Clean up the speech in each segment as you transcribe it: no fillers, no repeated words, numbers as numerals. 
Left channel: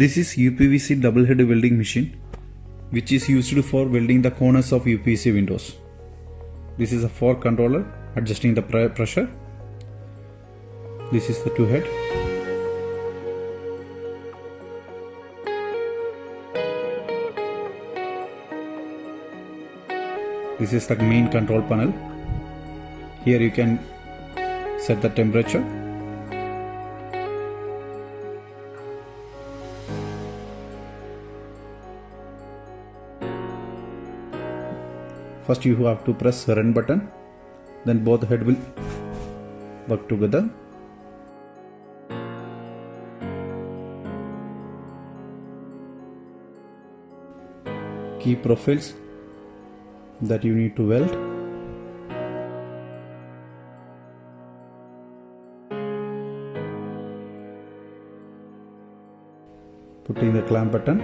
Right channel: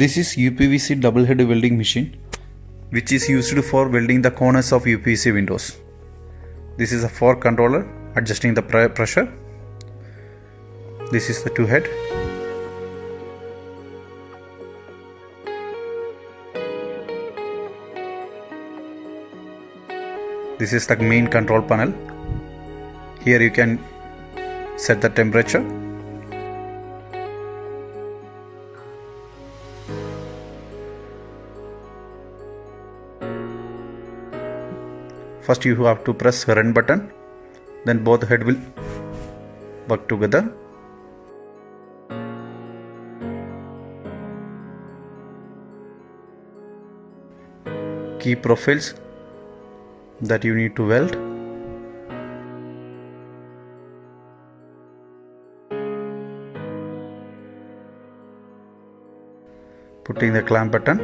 This is UPVC double head welding machine which is used for welding the corners of UPVC windows. This is a fork controller adjusting the pressure. This is the two head. This is the main control panel. Here you can set the temperature. First you have to press run button, then both head will work together. Key profiles that you need to weld. Putting the clamp button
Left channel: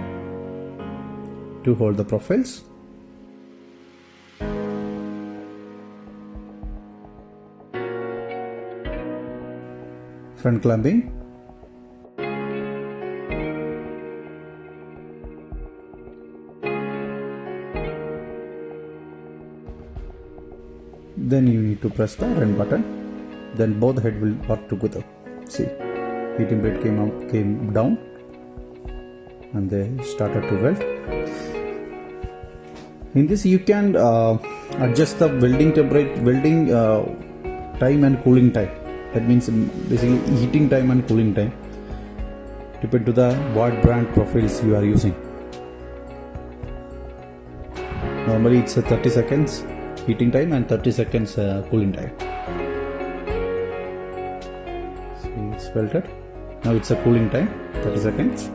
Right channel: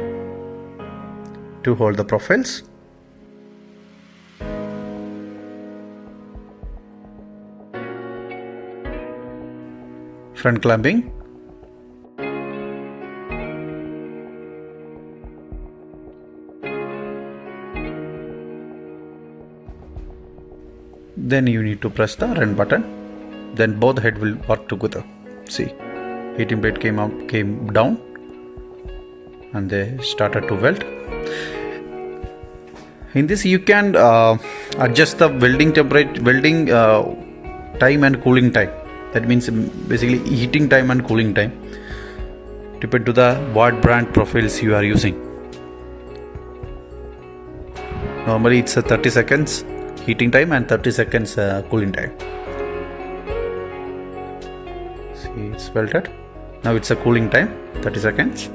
to hold the profiles. Front clamping. Then you need to press the run button. Then both head will work together. See, heating plate came down, and they started to weld. In this you can adjust the welding temperature, welding time and cooling time. That means basically heating time and cooling time, depend to the what brand profiles you are using. Normally it's a 30 seconds heating time and 30 seconds cooling time. See, it's welded. Now it's a cooling time, 30 seconds.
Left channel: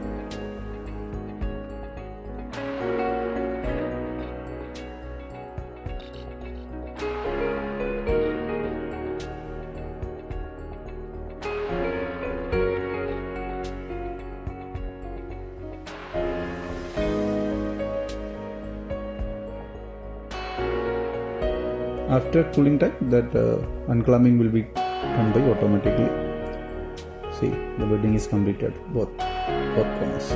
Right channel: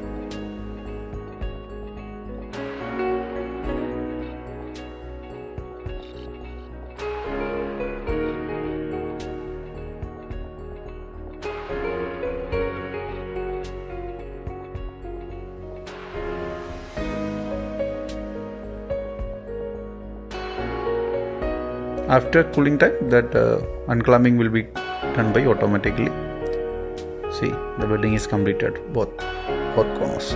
After cooling time, that unclamping will be done by automatically. See, the welding is completed, both corners.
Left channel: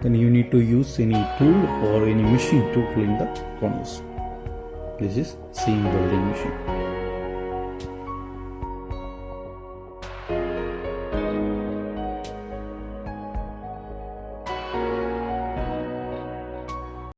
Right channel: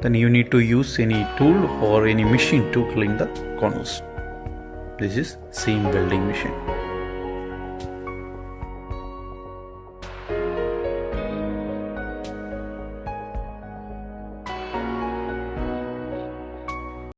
Then you need to use any tool or any machine to clean the corners. This is seam welding machine.